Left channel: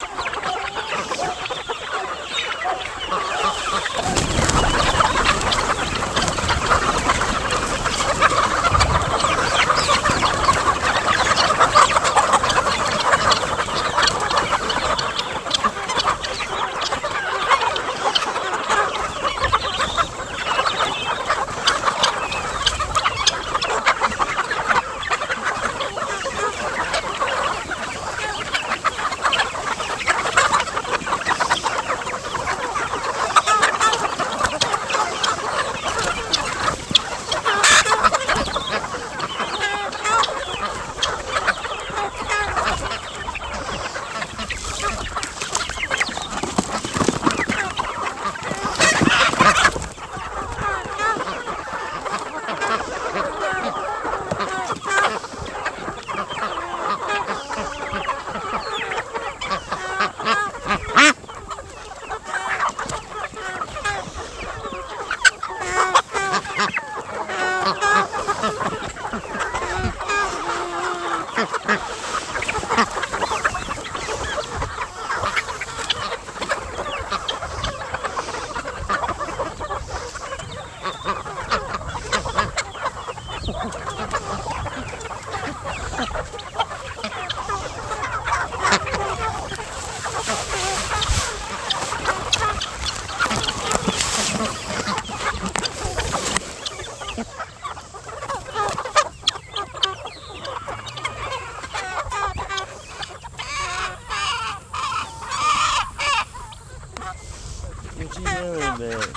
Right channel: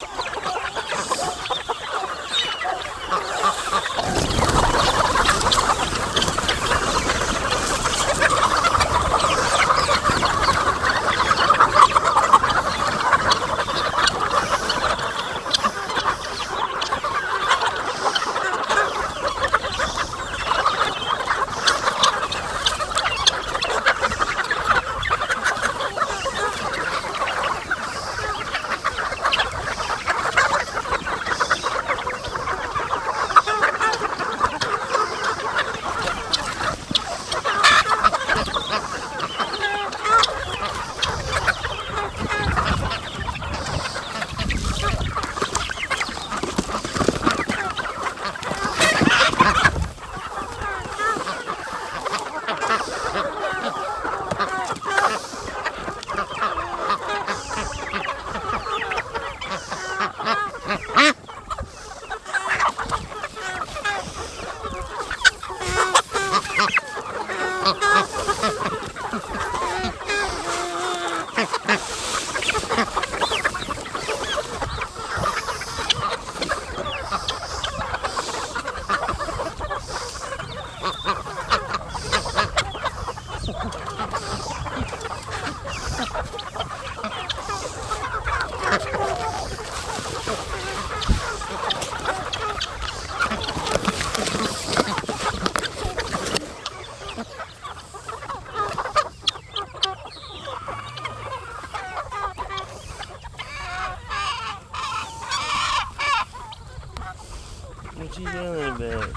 What you doing, man?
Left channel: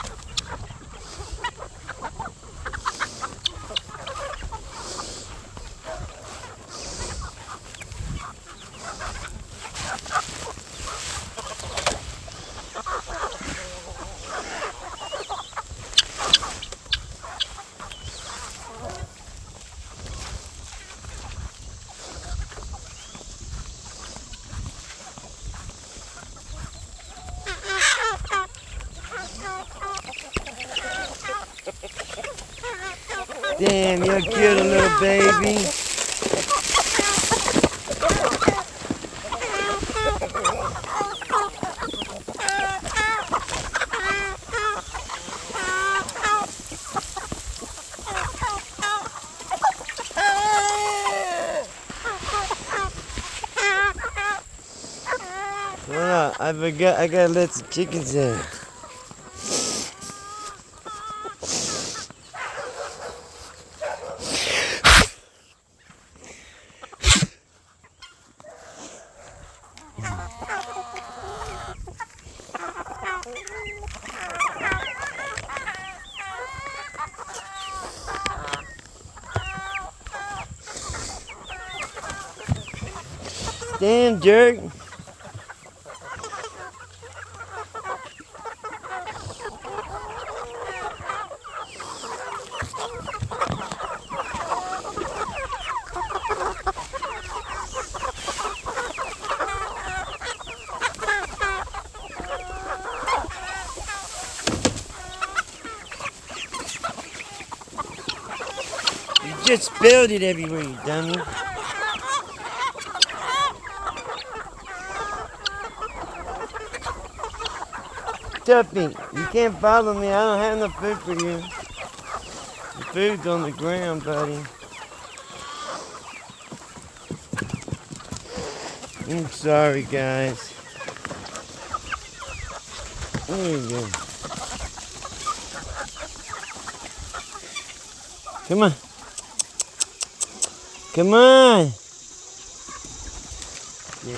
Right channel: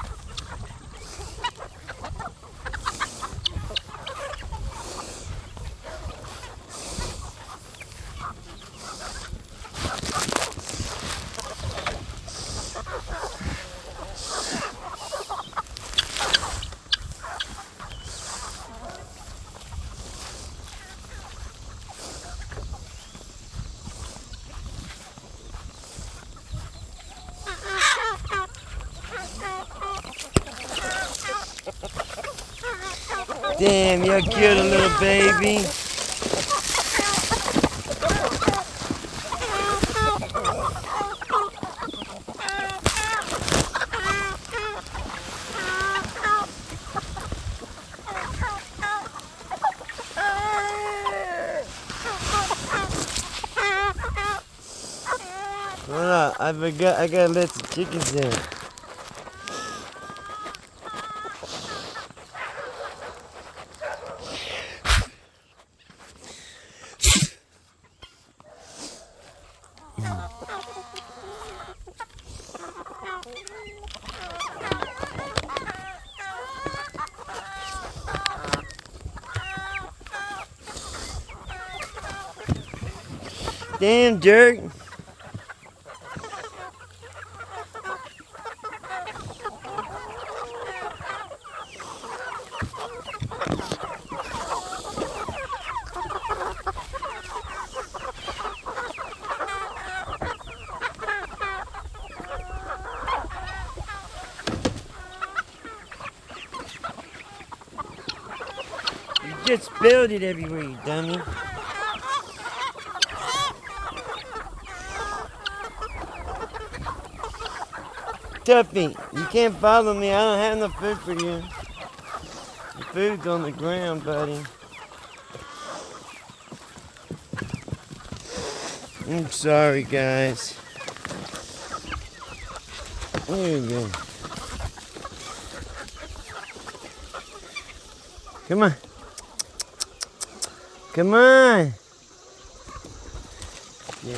Damn, you're a cute little baby. Hold on, I forgot, I gotta let the chickens in. Damn, jerk. You just spilled it everywhere, you dummy. Tuffy, you can't follow me. I don't have no food for you. The food's on the ground, buddy. I'm sorry, guys. What are you doing? Come on. Come on. Yeah.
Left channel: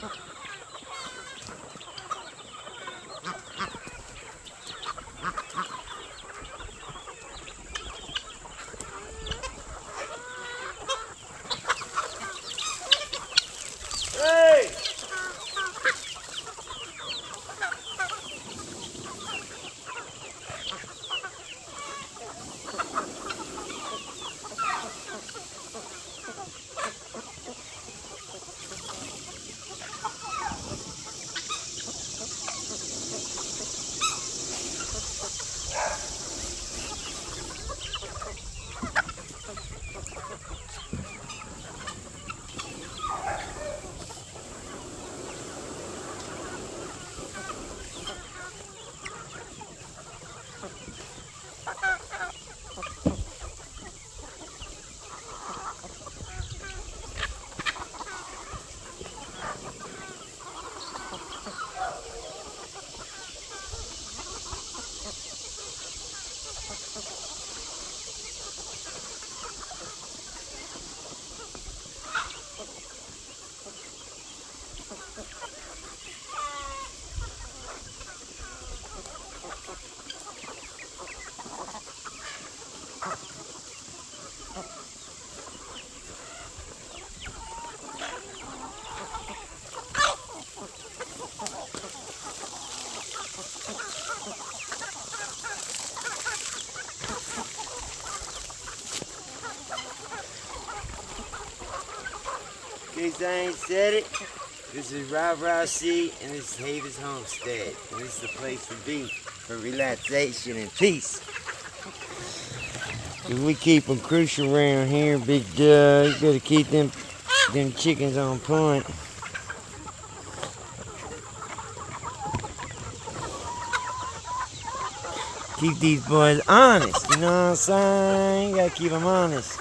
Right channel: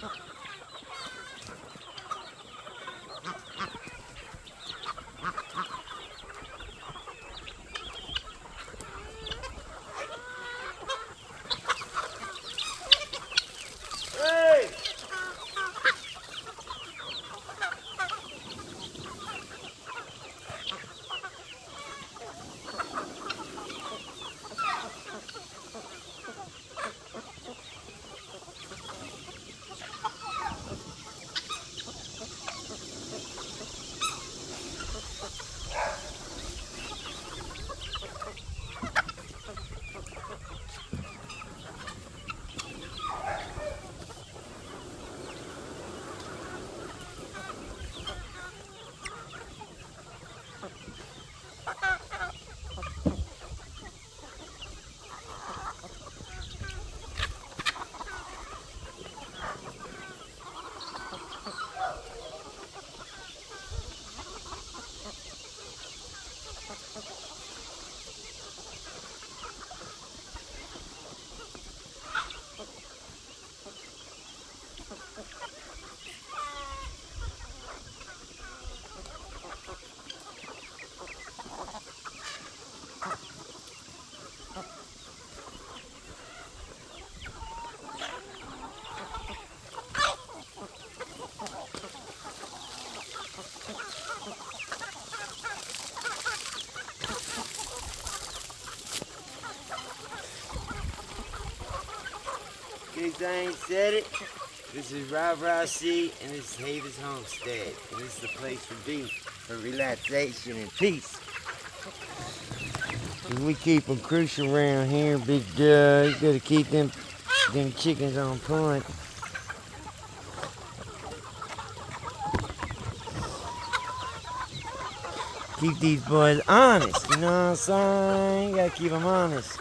Hey! In case I ain't said it, this is Rah C, and this is Havis Homestead. And this is the place to be for relaxation and peace. And we keep them crucial around here, big duh. You gotta keep them chickens on point. Keep these boys honest, you know what I'm saying? You gotta keep them honest.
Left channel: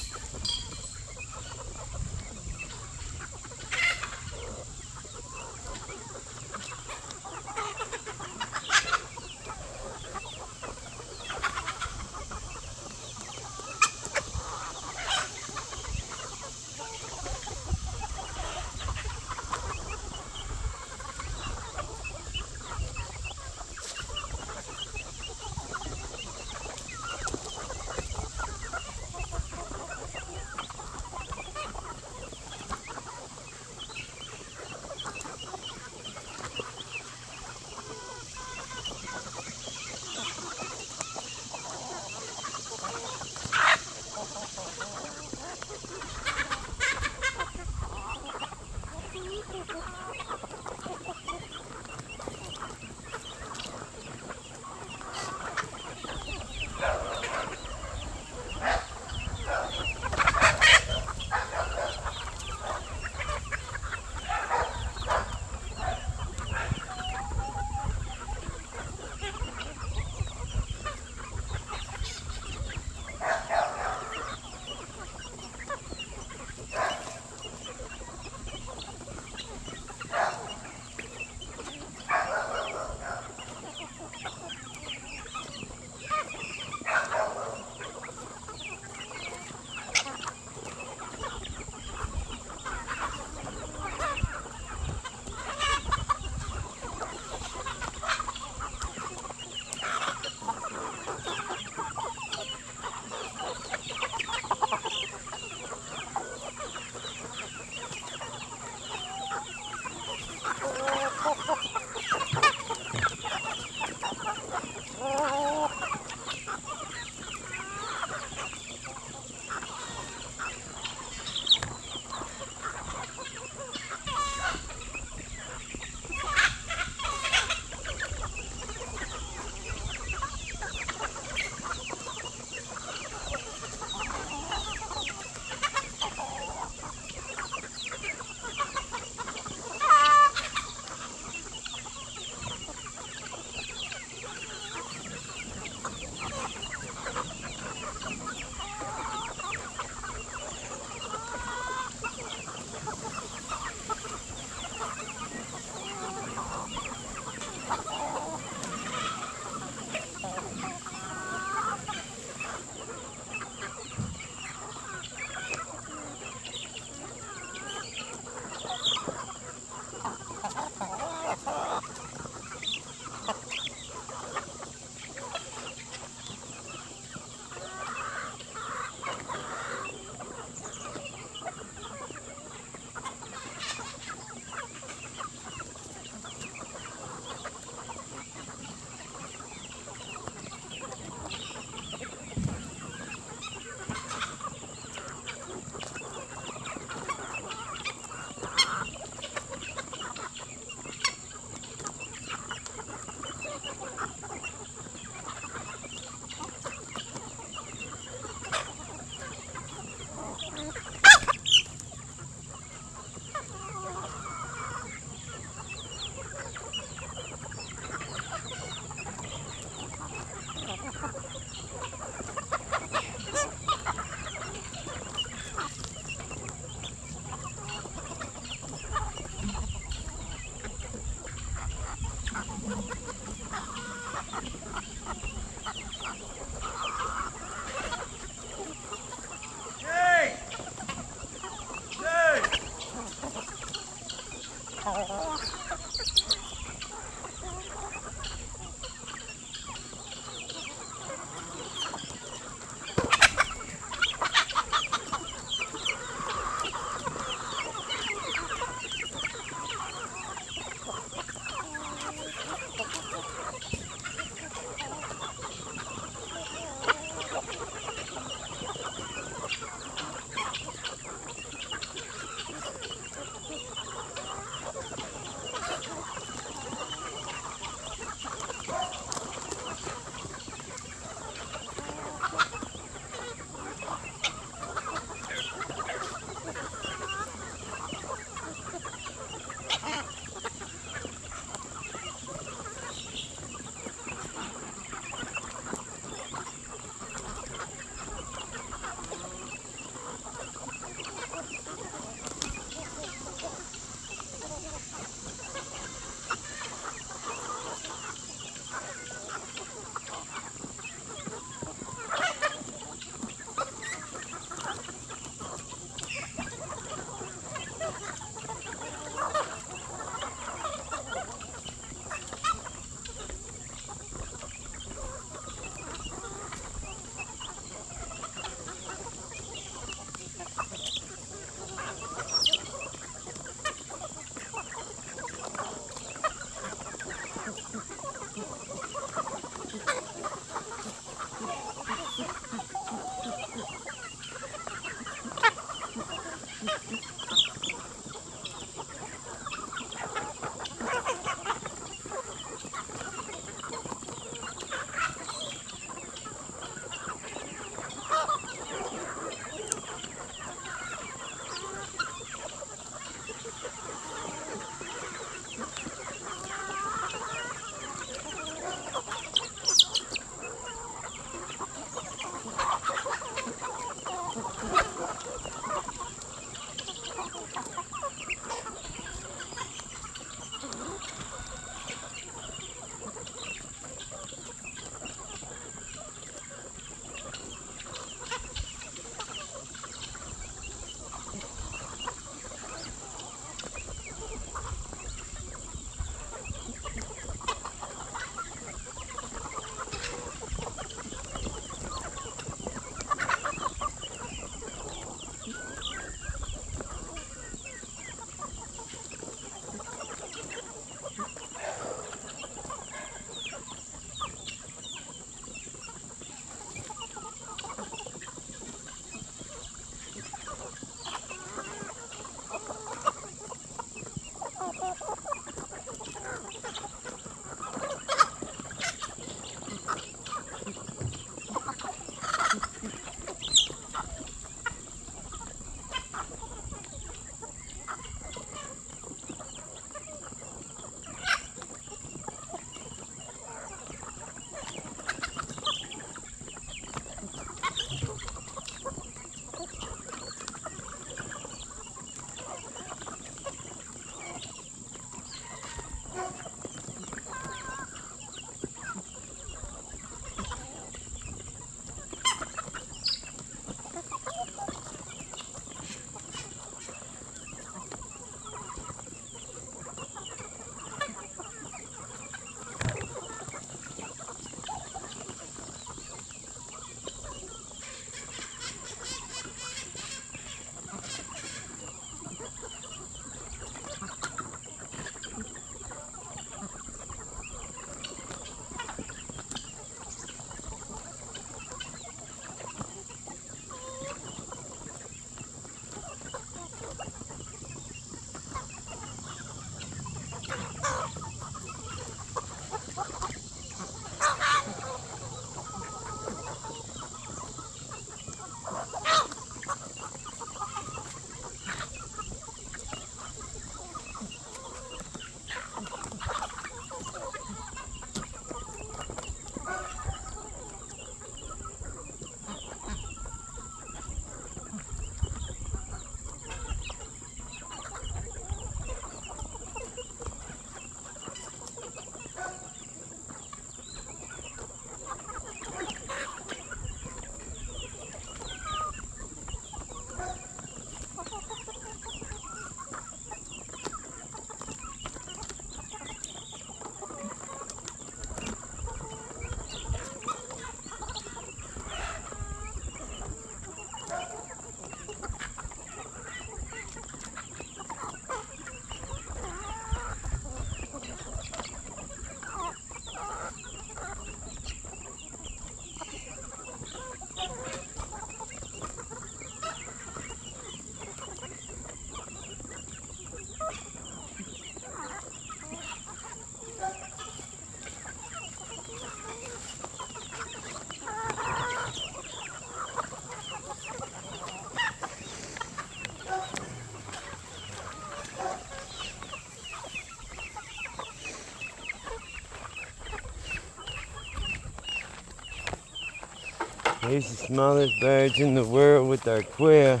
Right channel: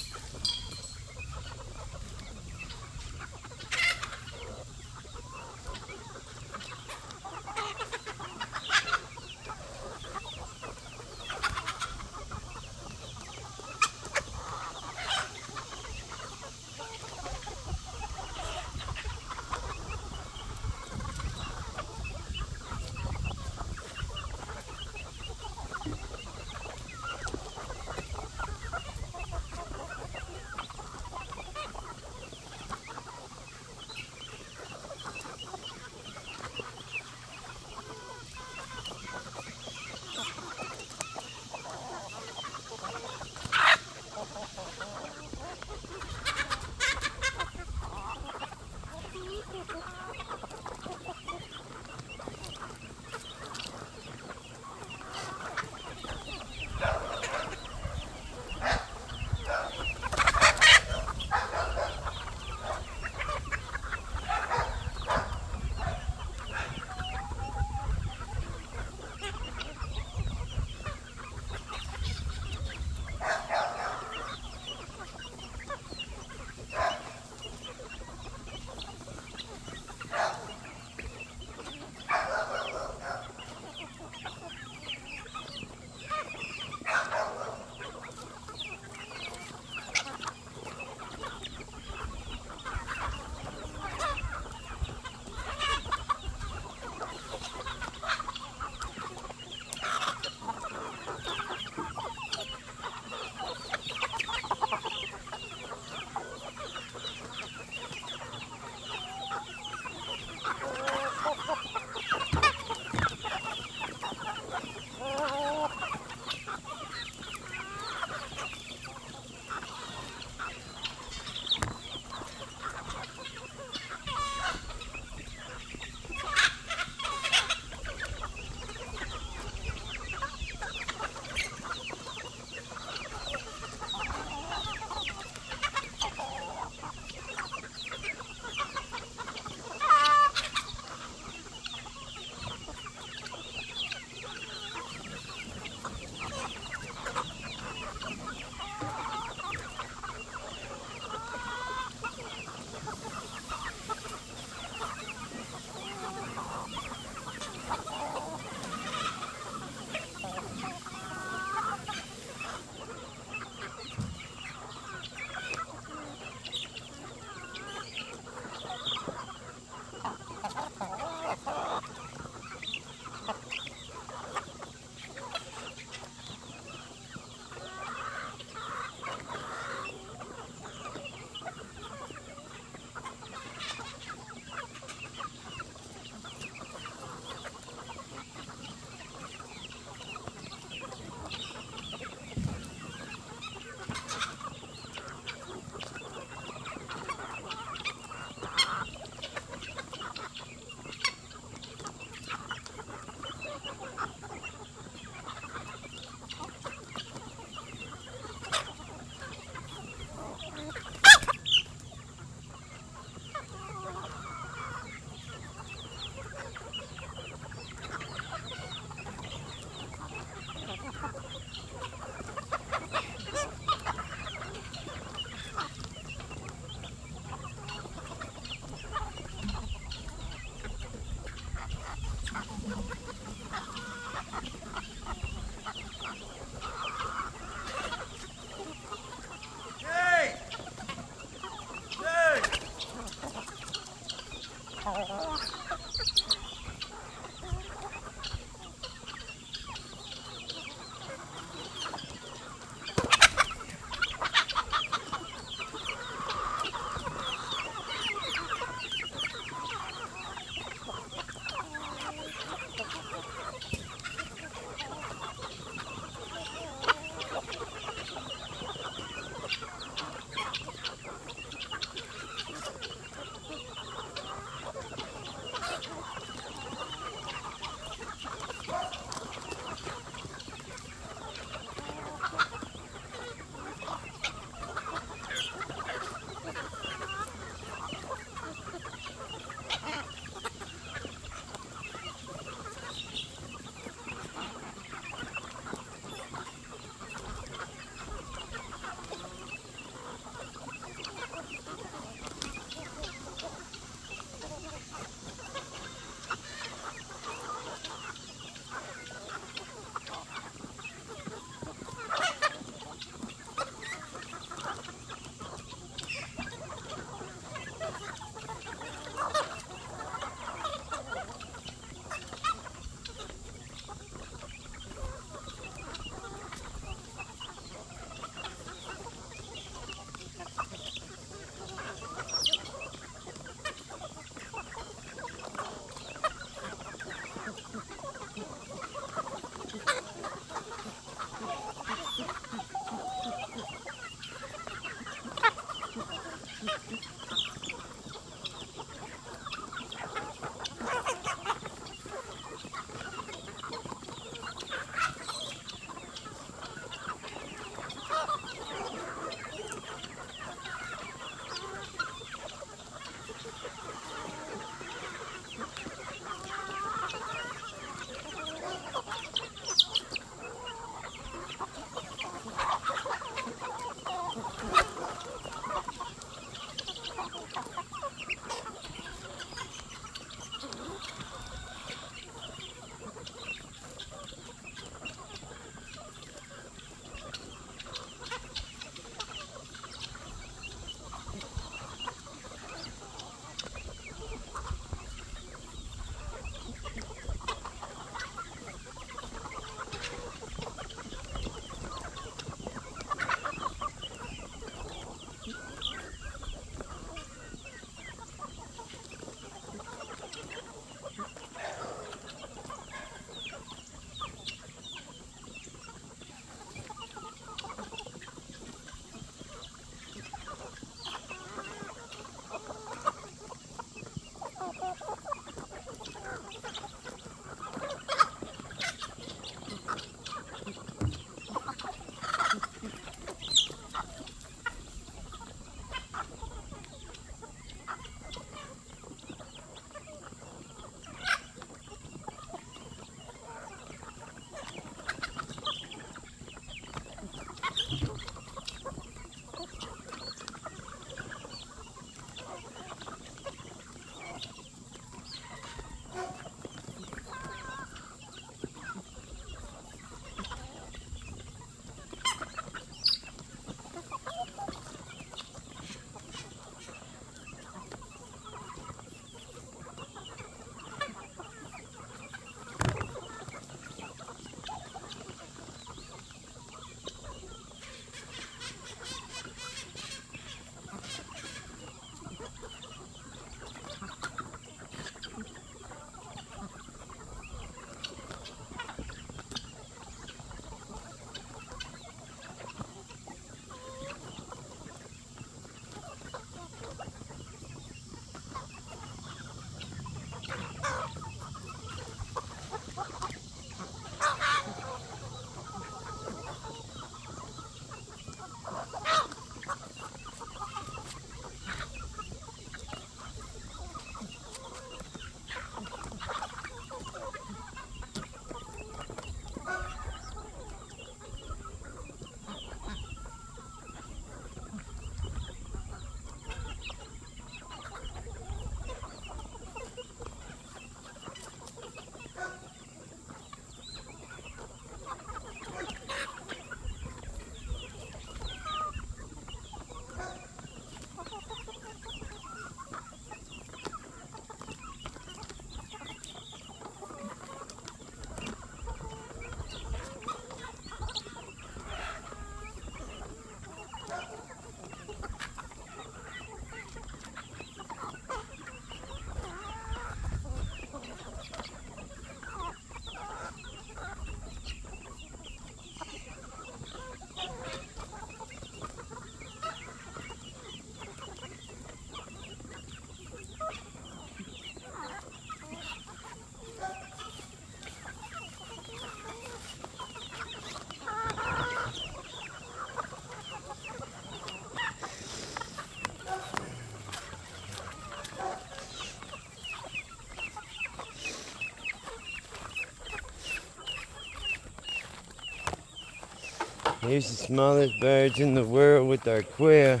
Here's the smallest birds in the world with our quail.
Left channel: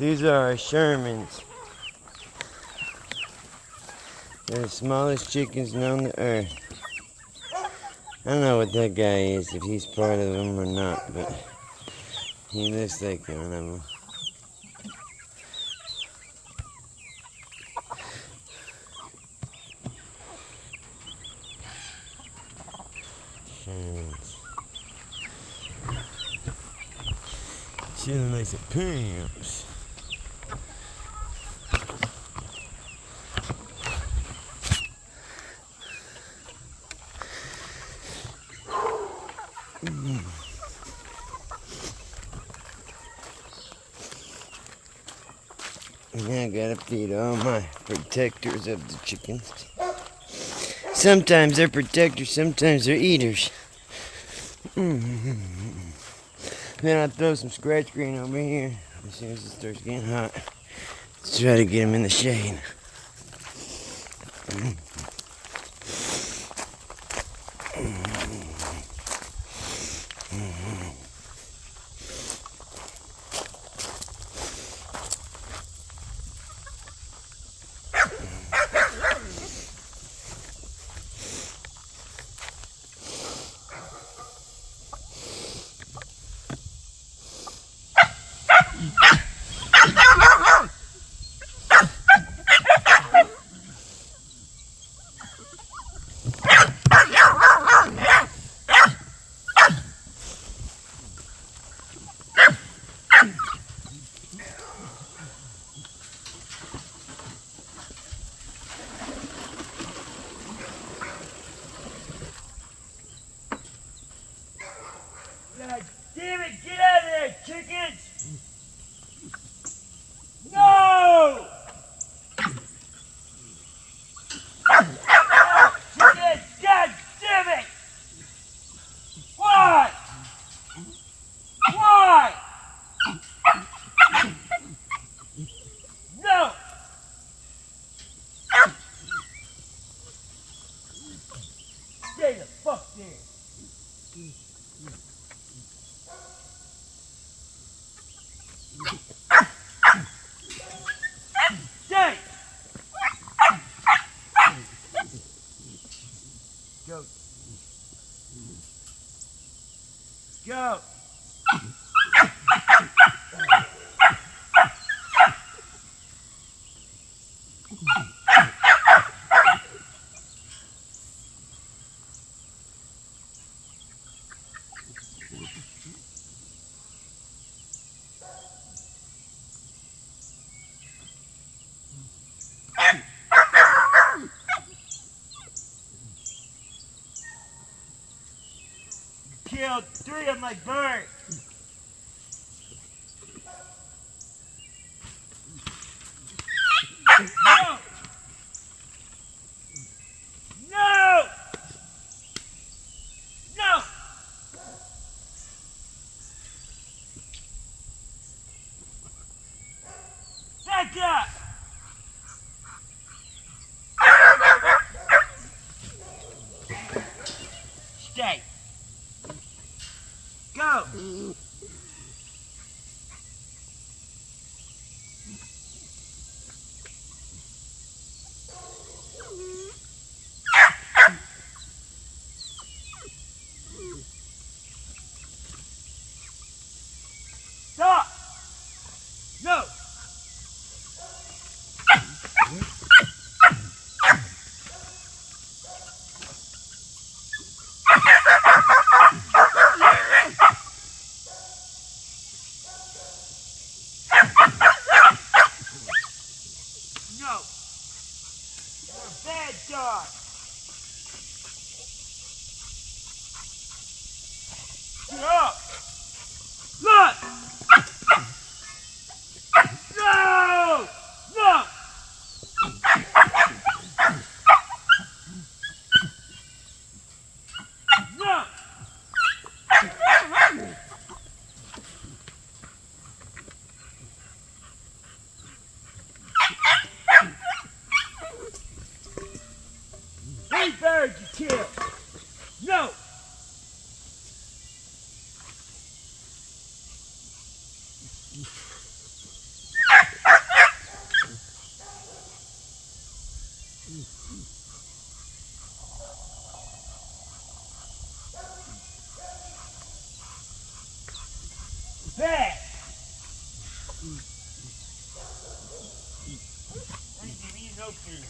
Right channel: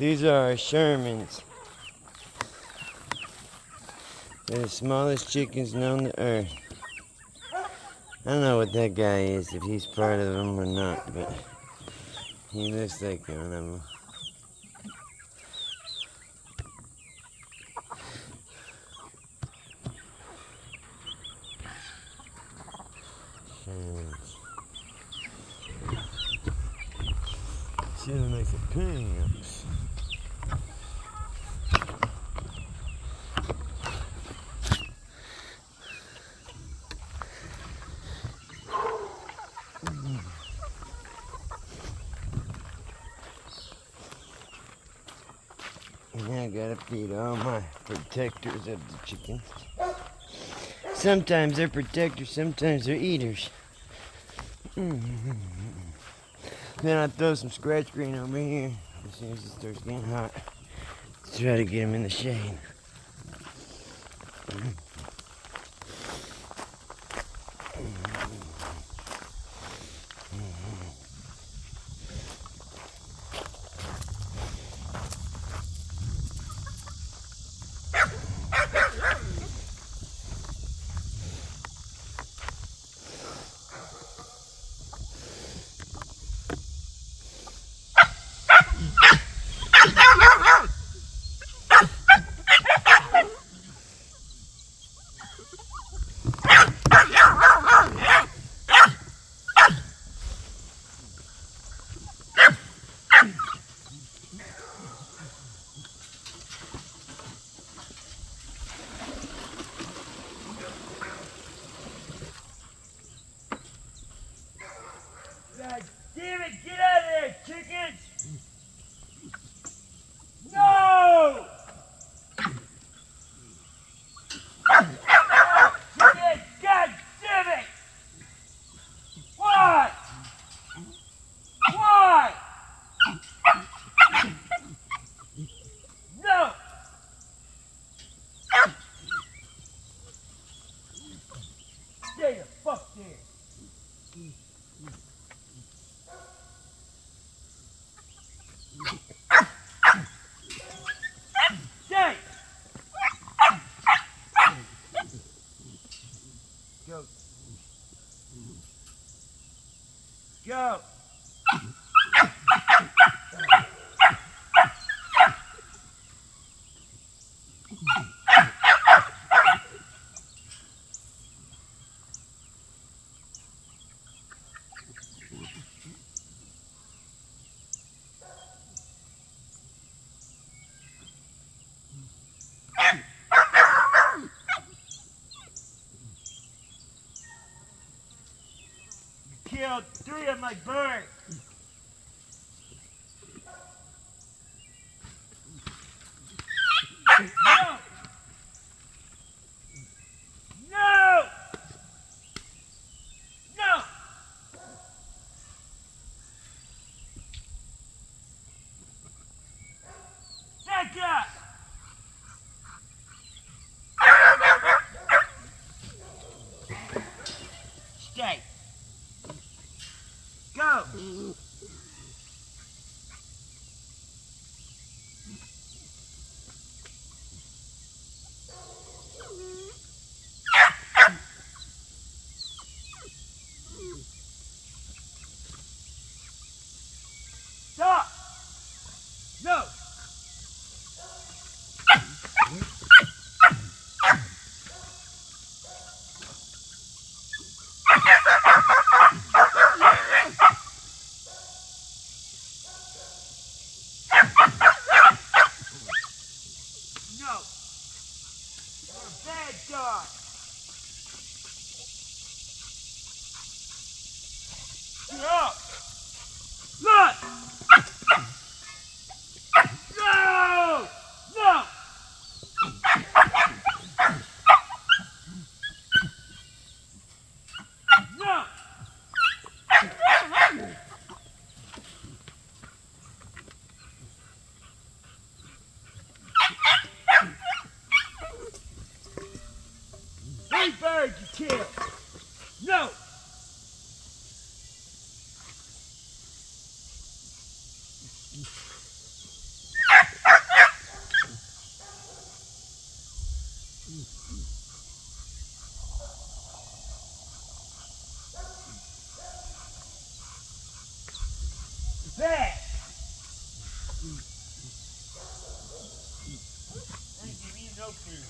These are our Shermans. They're the smallest chickens known to earth. I don't know what that guy is, if he's part of them or not, but he looks like one of them. Shermans. She looks like some pimps. Yeah, I gotta feed all my protectors of the chickens. Sometimes they're protectors, sometimes they're eaters. Then I throw some scratch green over here as soon as it starts getting hot. Let's try to get them in the shade. God damn it, get out of there, chickens! No! Chickens, God damn it! Why? Why? No! Stay the fuck there! Stay! Go. Go! Killed 3 of my birds. No! No! No! Back up! Stay. Go! Stop! No! No! You're a bad dog! Get up! Look! No! No! No! Three birds you killed! No! give me no food.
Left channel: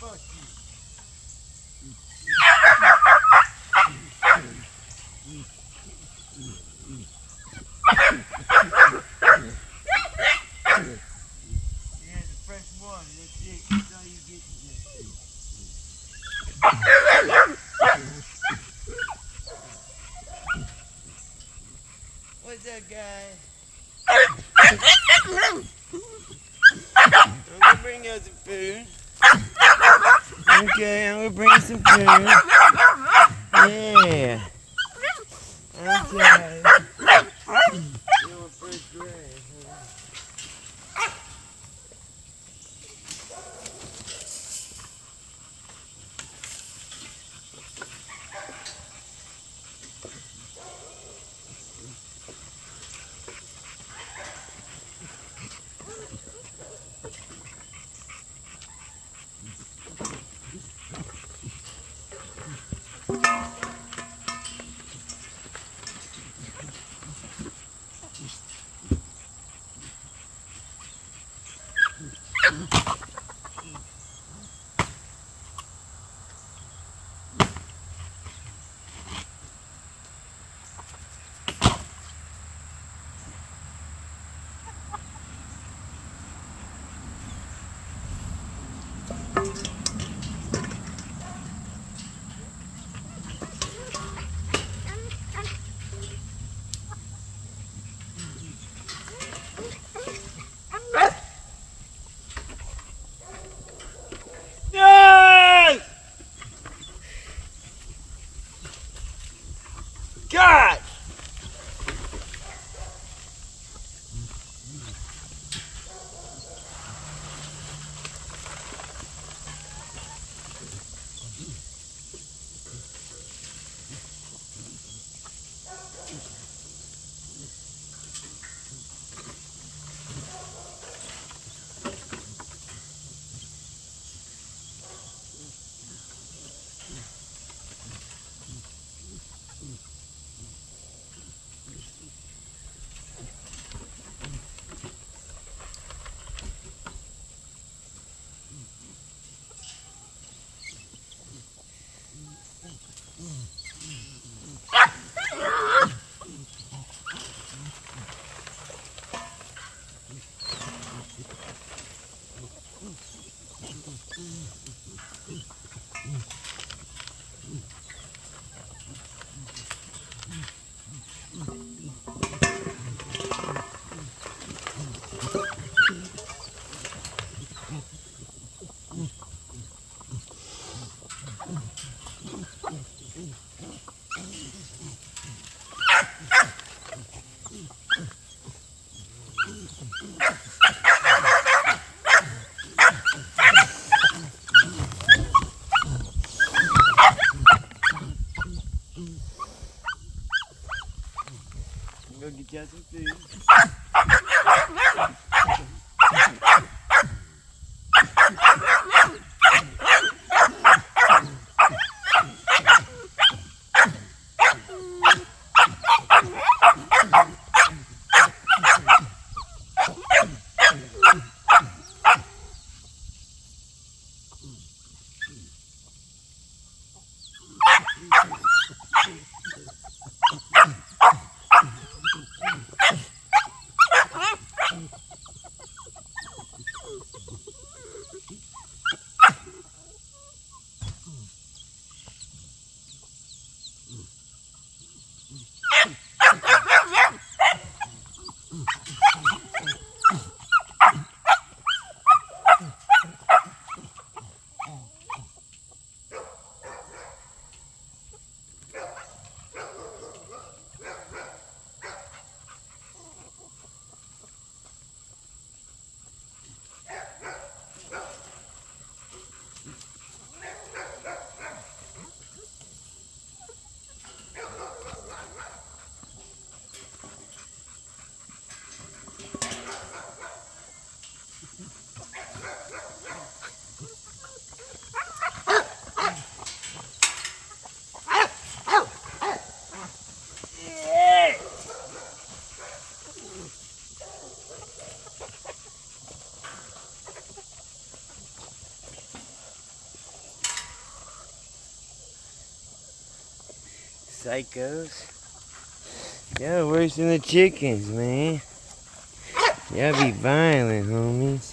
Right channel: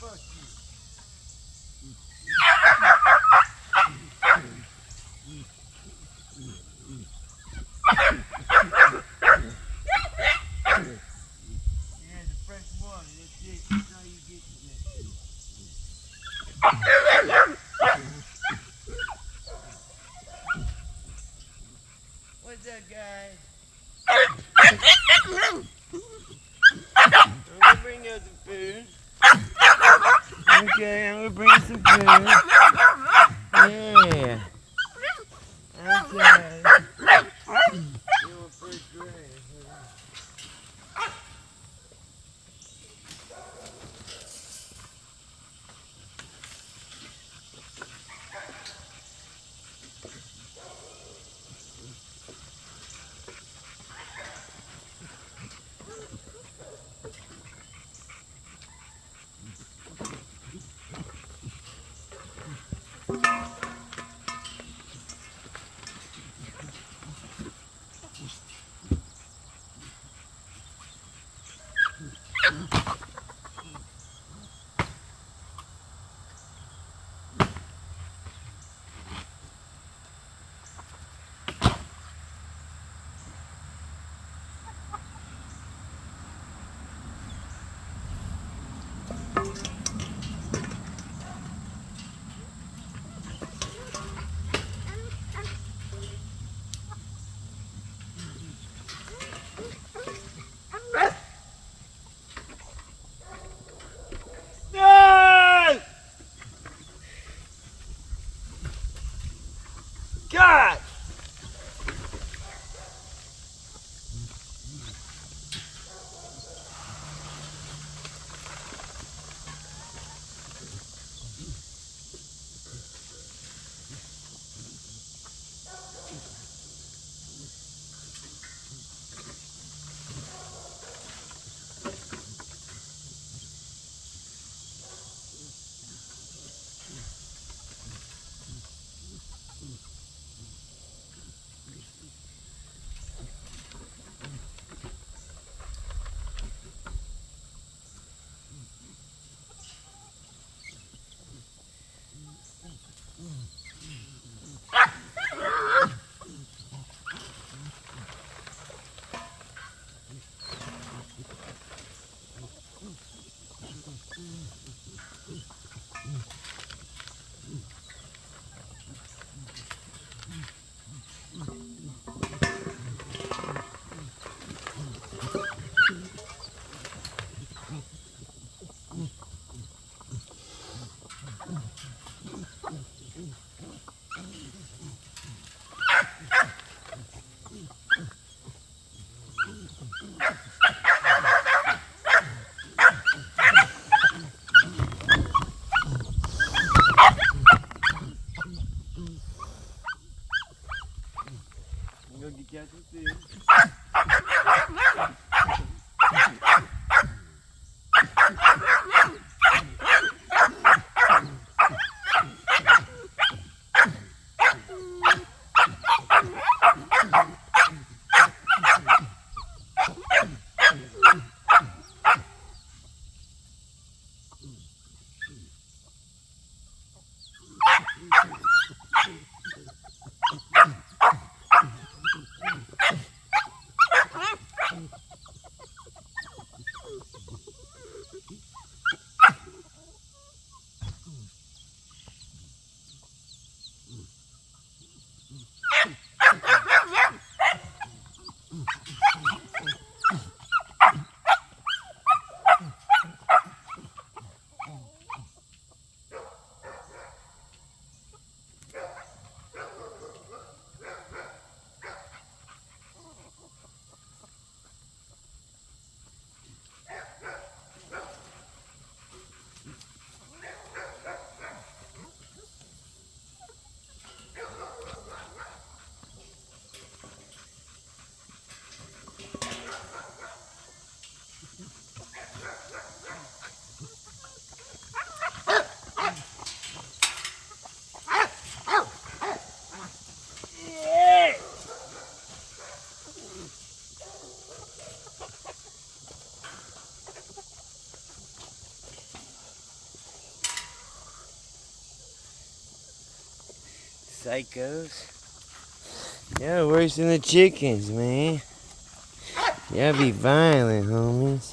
Fuck you. Here's the fresh water. That's it. That's all you get today. What's up, guys? I'm gonna bring you some food. Okay, I'm gonna bring you some food. Yeah. Okay. Little first grade. No! God! I'm gonna get you some food. psychos. Y'all worse than the chickens, man. Y'all be violent, homies.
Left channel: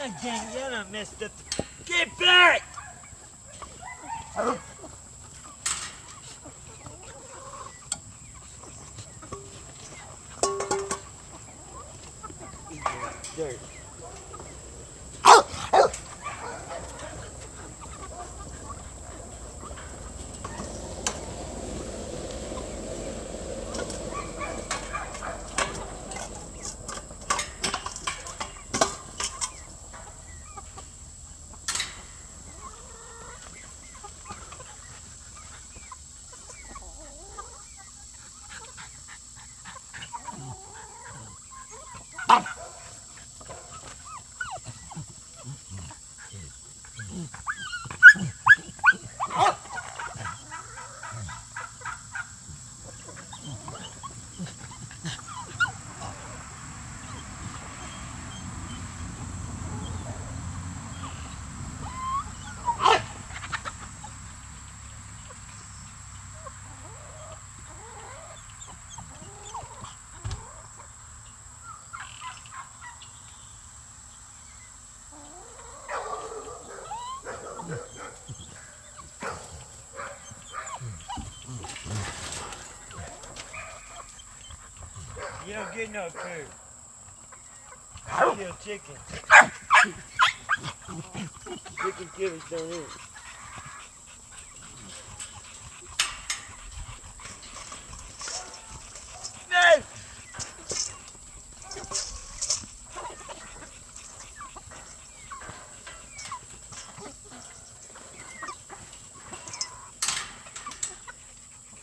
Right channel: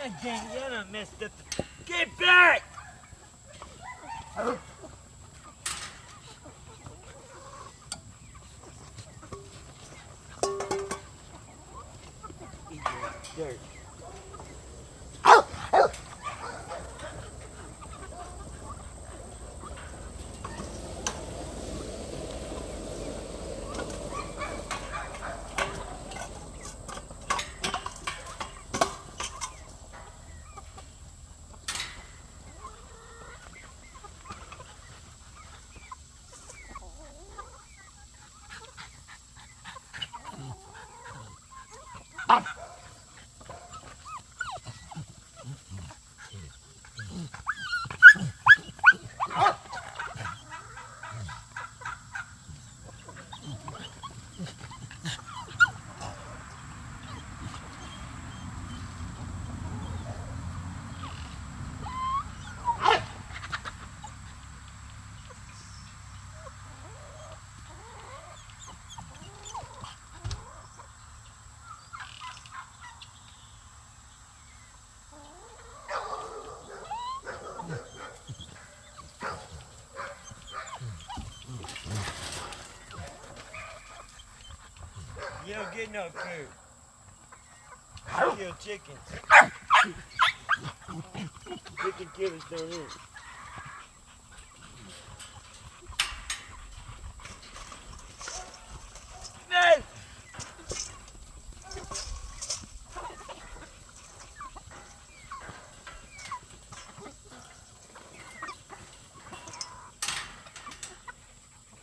God dang, y'all done messed up the... Get back! Eat that dirt. You don't get no food. I kill chickens. Chicken killers don't eat. No!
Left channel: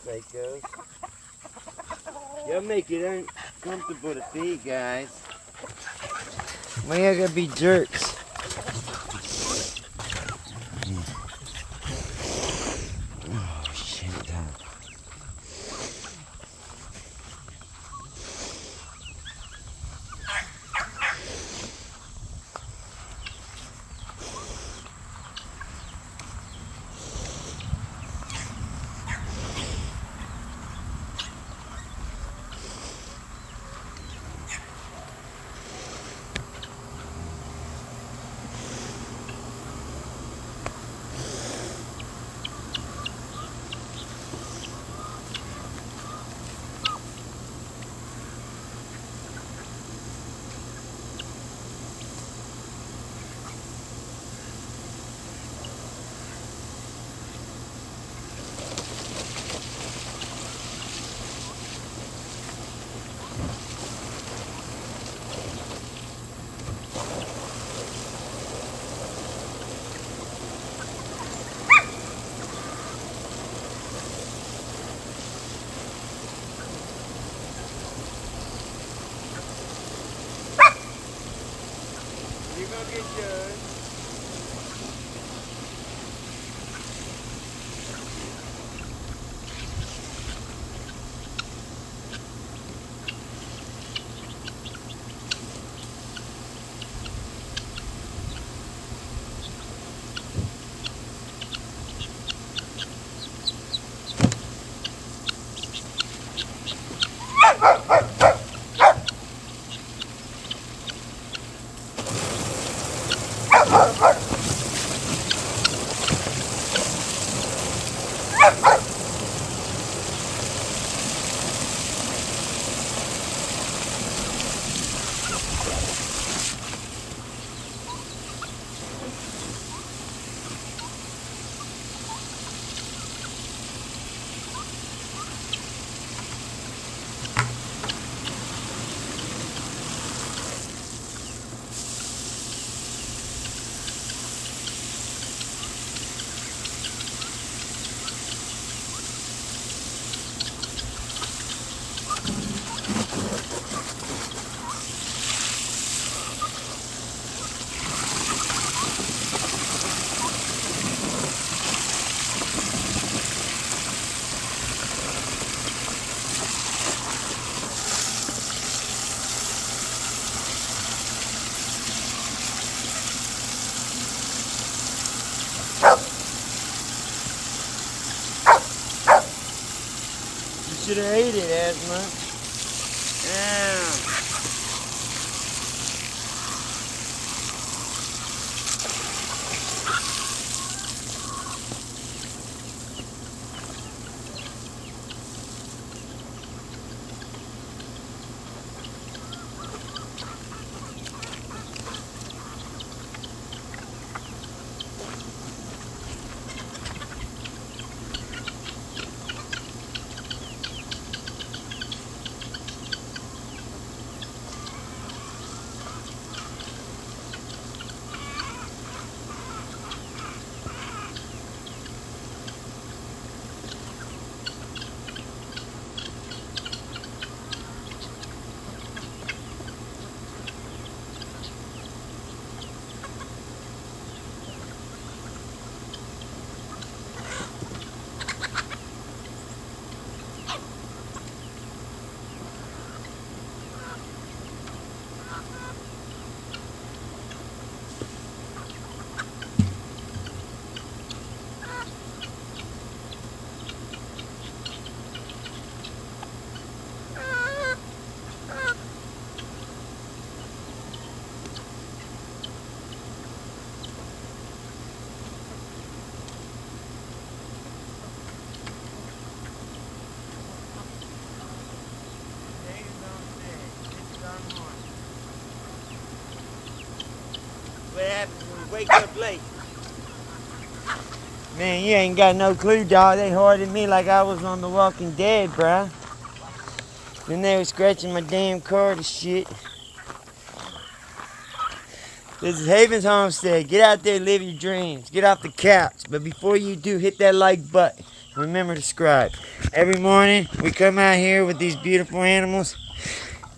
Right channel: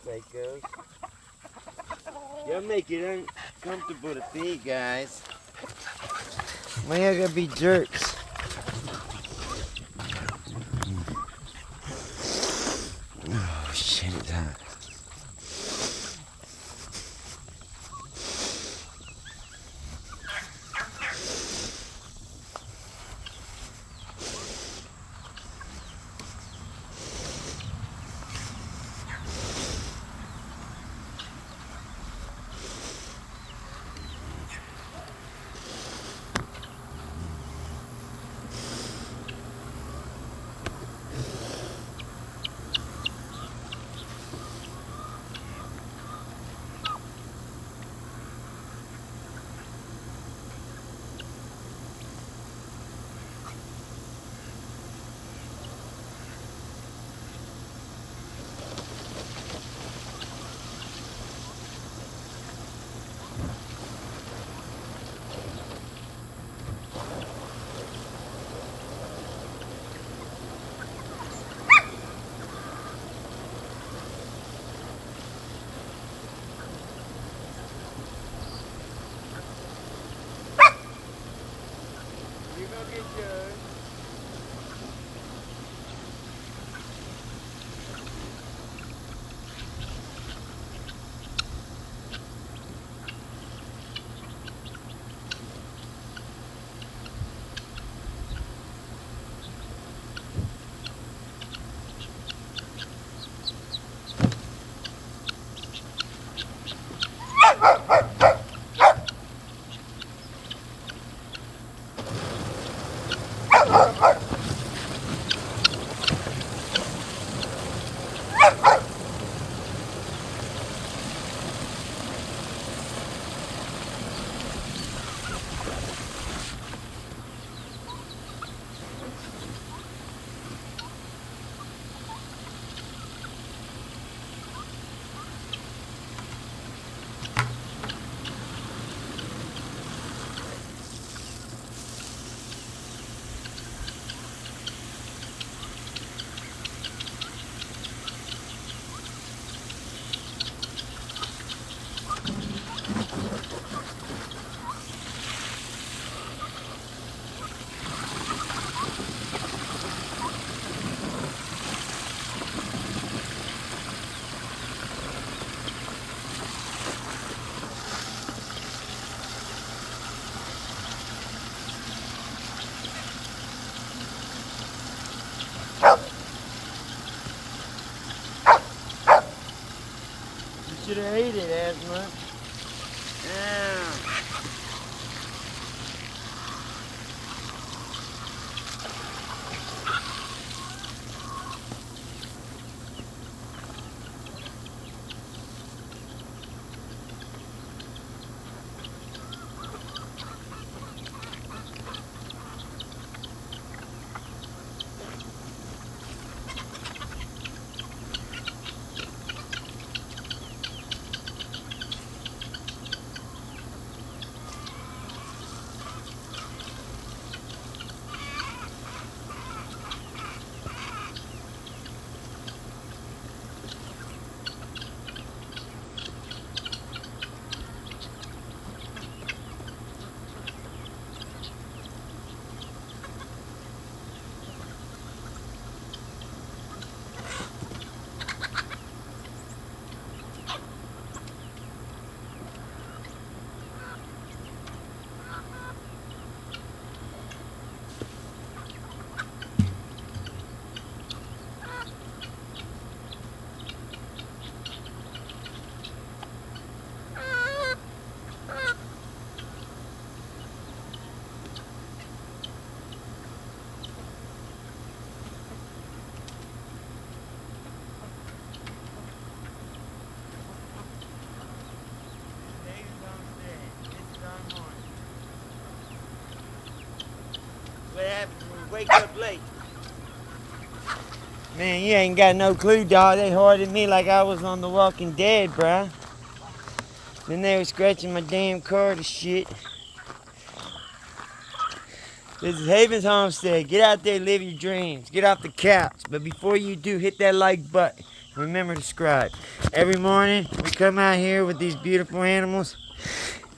Psychos. Y'all make it uncomfortable to feed, guys. Why y'all gotta be jerks? Oh, shit. You're gonna get yours. should have ate it, Asthma. Yeah. What happens when we wake up late? Man, you ain't got no clue, dog. They hoarded me like I was on The Walking Dead, bruh. Then they were scratching my damn car to shit. This is Havens Homestead. Get out there, live your dreams. Get off the couch. But before you do, hit that like button. Remember to subscribe. Every morning, we come out here with these beautiful animals,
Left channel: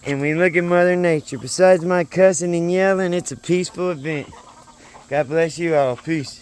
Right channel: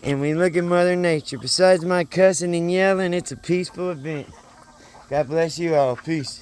and we look at Mother Nature. Besides my cussing and yelling, it's a peaceful event. God bless you all. Peace.